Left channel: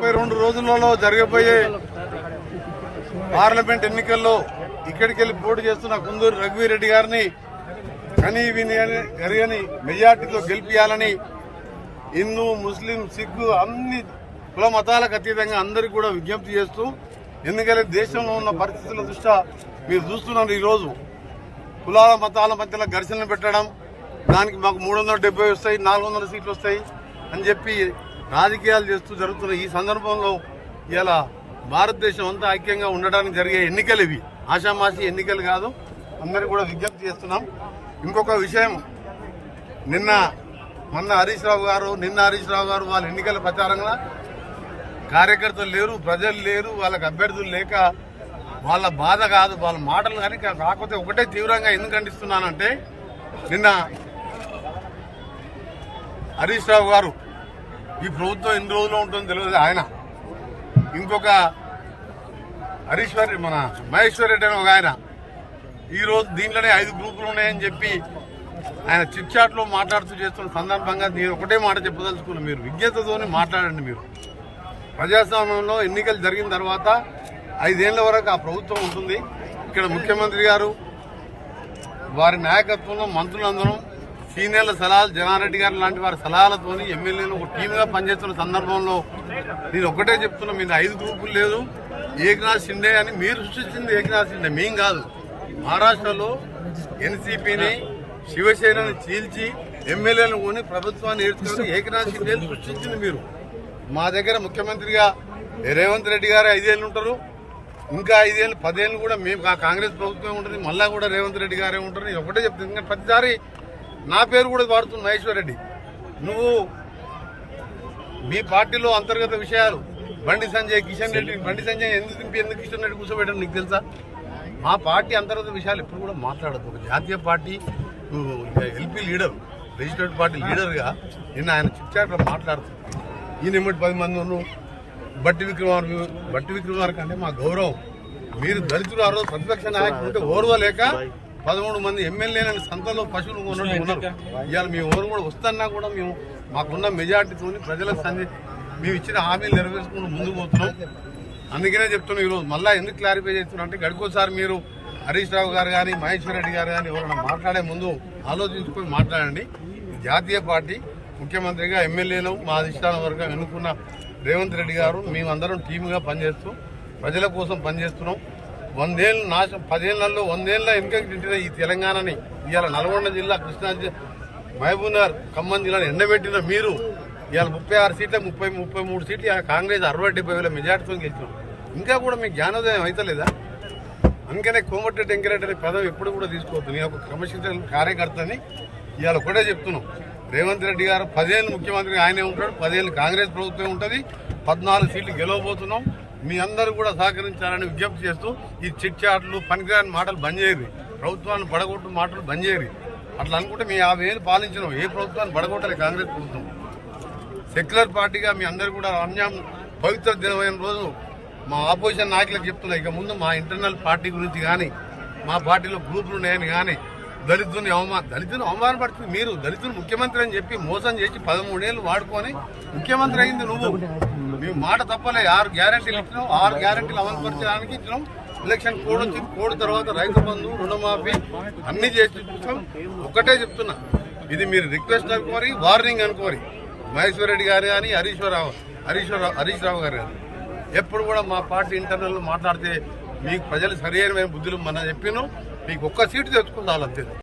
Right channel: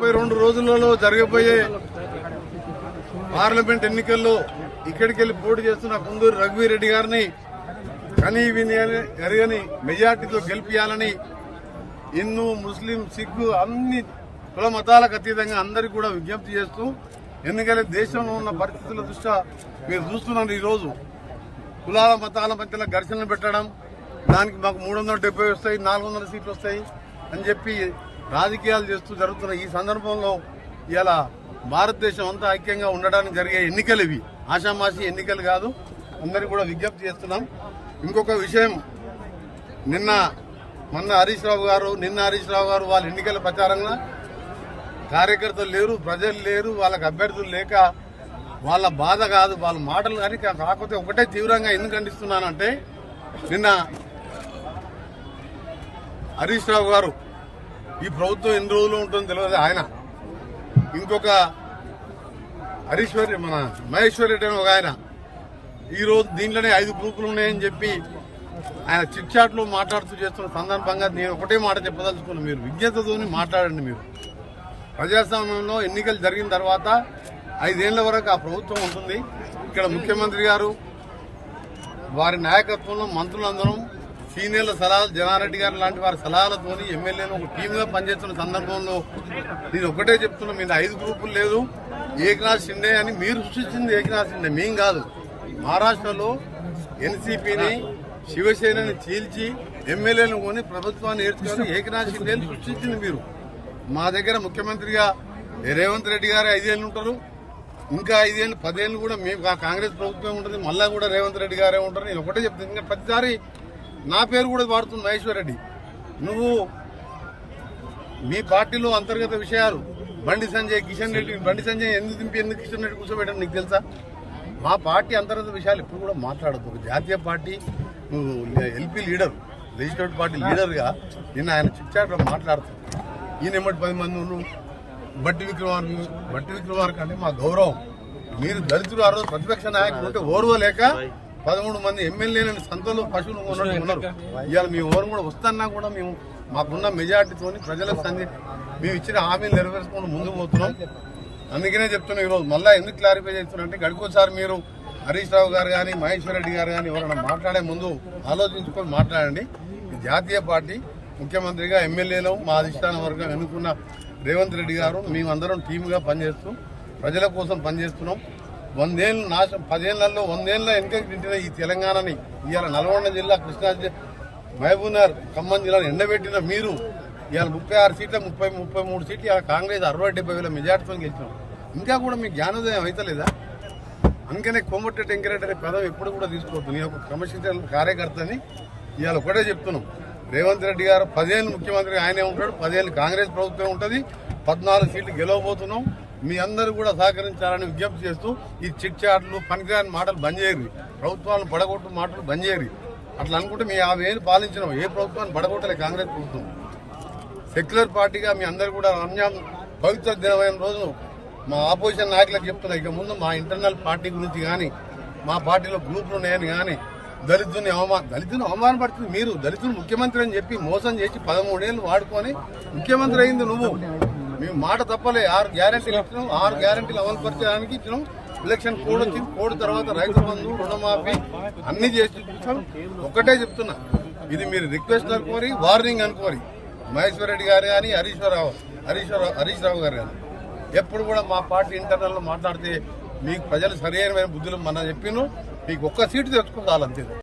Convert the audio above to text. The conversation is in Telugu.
32 రోజులలో జరగబోయే పార్లమెంట్ ఎన్నికల్లో ఇక్కడికి వెళ్లి పోటీ చేస్తున్న కుందూరు రఘువీర్ రెడ్డి గారిని కనీ విని జరగని మెజార్టీతో గెలిపించాలని హిందూ ముస్లిం సిక్కు అన్ని కుల మతాలకు అతీతంగా అందరికీ కూడా విజ్ఞప్తి చేస్తూ, ఎందుకంటే దేశంలో ఉన్న పరిస్థితుల దృష్ట్యా మీరు చూస్తున్నారు ఈరోజు కులాల మతాల మధ్యలో ఘర్షణలు పెట్టడం, దానికి మాకు 370 వస్తాయి 400 సీట్లు వస్తాయి అని చెప్పి రాజకీయాలు చేస్తూ జరుగుతున్న ఈ సందర్భంలో ఇలా భారతదేశం అంతా ఐక్యంగా ఉండడానికి జరిగే ఎన్నికలు ఇవి, ఆషామాషి ఎన్నికలు కాదు. అందరికీ కూడా విజ్ఞప్తి చేస్తున్నాం. ఇంకొక విషయం, మొన్న హరీష్ రావు గారు వాళ్ళ ఎన్నికల ప్రచారంగా కార్యకర్తలు లేరు, ప్రజలు లేరు, వాళ్ళకి అభ్యర్థులు లేక వాళ్ళ బాధ కాదు, వాళ్ళ మాటలు కానీ కాకపోతే ఒకటే తీవ్రంగా ఎందుకు ఖండిస్తున్నానంటే, నిన్న హరీష్ రావు గారు ఈ ప్రభుత్వం ఎన్ని రోజులు ఉంటుందో తెలియదు, ఆయన ఇంకొక మన మహేశ్వర్ రెడ్డి అని ఒక ఆయన ఈ రోజు దీంట్లోనే 5 గ్రూపులు ఉన్నాయని చెప్పి ఆయన చిట్ చాట్ లో మాట్లాడుతూ చేస్తున్న సందర్భంగా నేను ఒకటే మాట చెప్పదలుచుకున్నాను, మీరు విజ్ఞతతోని మాట్లాడండి. మీరు ప్రజాస్వామ్యంలో ఎన్నికలు జరిగిన తర్వాత 5 ఏళ్ల వరకు ఆ ప్రభుత్వం ఉంటుంది. ఇక్కడ ముఖ్యమంత్రి గారు వారి నాయకత్వంలో మంత్రులందరం సీనియర్ల సలహాలు, జనారెడ్డి గారు లాంటి వారి సలహాలతోని ఎమ్మెల్యేలు ఒక టీమ్ గా పనిచేస్తున్న సందర్భంలో నేను ఒకటే చెప్తున్నా, మీద 5 గ్రూపులు లేదు, ఏకనాథ్ షిండే అని మీరు సృష్టించింది ఏకనాథ్ షిండే, మేం కాదు. మహారాష్ట్రలో ఎన్సీపీని శివసేనని చీల్చి ఎమ్మెల్యేలను కొని ప్రభుత్వాన్ని ఏర్చుకొని ఏకనాథ్ షిండేని సృష్టించింది మీరు. మా దగ్గర ముఖ్యమంత్రిగా రేవంత్ రెడ్డి గారు 5 ఏళ్లు ఉంటారు, ఇంకా 5 ఏళ్లు 10 ఏళ్లు కూడా మేము కాంగ్రెస్ ప్రభుత్వం ఉంటుంది, మళ్ళా కూడా రేవంత్ రెడ్డి గారే ఉంటారు. నేను ఒకటే చెప్తాను, ఇంకా ప్రతిసారి నా పేరు కూడా వాడుతుంది మహేశ్వర్ రెడ్డి. నువ్వు మీ పార్టీలో అంతర్గత విషయాలు బండి సంజయ్, కిషన్ రెడ్డి, బండి సంజయ్ ఎందుకు దింపి ఎందుకు కిషన్ రెడ్డి కూర్చోబెట్టడం నీకు తెలుసా? మా పార్టీ అంతర్గత విషయాలు ఎప్పుడు కూడా మాట్లాడద్దు. ఒక జాతీయ పార్టీ, నువ్వు ఎల్పీ లీడర్, లెజిస్లేటివ్ పార్టీ లీడర్గా నిన్న ఆయన చిట్చాట్లో మాట్లాడుతున్నావు. ఈయన 10 మంది బట్టి విక్రమార్క అంటే మా గౌరవం. మీరు దళితులు ఆ రోజు ప్రతిపక్ష నాయకులు ఉంటే ఓర్వలేక 13 మంది ఎమ్మెల్యేలను సంతలో పశువులు ఉన్నట్టు ఉన్నారు. ఇవాళ మీ ఓరు కూడా వస్తున్నా కూడా మేము మాకున్న మెజార్టీతో ప్రజలకు మేము ఇచ్చిన హామీలు నెరవేర్చుకుని ముందుకు పోతున్నాం. అందుకనే చెప్తున్నాం ఈరోజు మళ్ళా ఎందుకు క్లారిఫై చేస్తున్నా అంటే, గడికోసారి మీరు హరీష్ రావు గారు కానీ మహేశ్వర్ రెడ్డి గారు కానీ ఎవరైనా మాట్లాడే ముందు ఆలోచించుకొని మాట్లాడండి. జాతీయ పార్టీ ముఖ్యమంత్రిగా ఎమ్మెల్యేలు మా అధిష్టానం వర్గం ఎన్నుకున్న రేవంత్ రెడ్డి గారు మేమందరం టీమ్గా పనిచేస్తూ ప్రజల కోసం పనిచేస్తున్నాం. 100 ఏళ్ళు 10 ఏళ్లలో 100 ఏళ్ళ వెనుకకి తింటున్న ఈ తెలంగాణని ఇవాళ నల్గొండ జిల్లా, కృష్ణా, మహబూబ్నగర్, ఖమ్మం జిల్లాను ఎండబెట్టిన మీరు ఇవాళ 36 సీట్ల 33 సీట్లు ఇవాళ కాంగ్రెస్ 60-70 మెజార్టీతో గెలిచినాం. ఇంకా కూడా మీకు జ్ఞానోదయం అవుతలేదా? అందుకనే కోమటిరెడ్డి వెంకరెడ్డి అనే పదవి ఎప్పుడు కూడా తీసుకోవద్దు. నేను ఒక క్రమశిక్షణ కార్యకర్తని ఇవాళ ఒకటే చెప్తున్నాం, రేవంత్ రెడ్డి గారు 10 ఏళ్ళు ముఖ్యమంత్రిగా ఆయనే ఉంటాడు, 10 ఏళ్ళు కాంగ్రెస్ ప్రభుత్వం ఉంటుంది, 14 సీట్లు గెలవబోతున్నాం. మీ అందరూ కూడా సహకరించాలని విజ్ఞప్తి చేస్తూ ఈ చిట్ చాట్లు, పనికిరాని మాటలు బంద్ చేయరు, ప్రభుత్వాన్ని పడగొట్టు మాటలు బంద్ చేయరు. అట్లా అనుకుంటే మీ 50 ఏళ్ళు పాలించినాం, ఏ ప్రభుత్వాన్ని పడగొట్టలే కాంగ్రెస్ ప్రభుత్వం. సెక్యులర్ పార్టీగా మీ అందరూ కూడా పవిత్ర దినమైన రోజు మా ఆపోజిషన్ నాయకులకు చెప్తున్నా, ఇక ముందు మా ఇంటర్నల్ పార్టీ గురించి కానీ, మా పార్టీలో గ్రూపులు ఉన్నాయని కానీ, దళితుని అవమానపడుతుంది మీరు. దళితులు ముఖ్యమంత్రి అని చెప్పి మోసం చేసి 13 ఏళ్ళు వాడుకొని ముఖ్యమంత్రి అయింది నువ్వు. మేము మాట తప్పలే, 6 గ్యారంటీలు ఇచ్చినాం, 6 గ్యారంటీలు అమలు పరిచడానికి ఇచ్చినాం. ఎలక్షన్ కోడ్ వచ్చింది, కోడ్ తర్వాత రైతు బంధు, రుణమాఫీ అన్ని చేసి చూపిస్తాం. ఒకటే చెప్తున్నా, ఇది మీరు రిక్వెస్ట్ అనుకోరి, వార్నింగ్ అనుకోరి. మహేశ్వర్ రెడ్డి గారు కానీ హరీష్ రావు గారు కానీ ఎప్పుడు కూడా మా పార్టీ ఇంటర్నల్ లో మాట్లాడితే మీకు ప్రజలు సరైన బుద్ధులు మనం చెప్పినాం. మీకు ఒక్క సీటు తెచ్చుకుంటారు అంతే.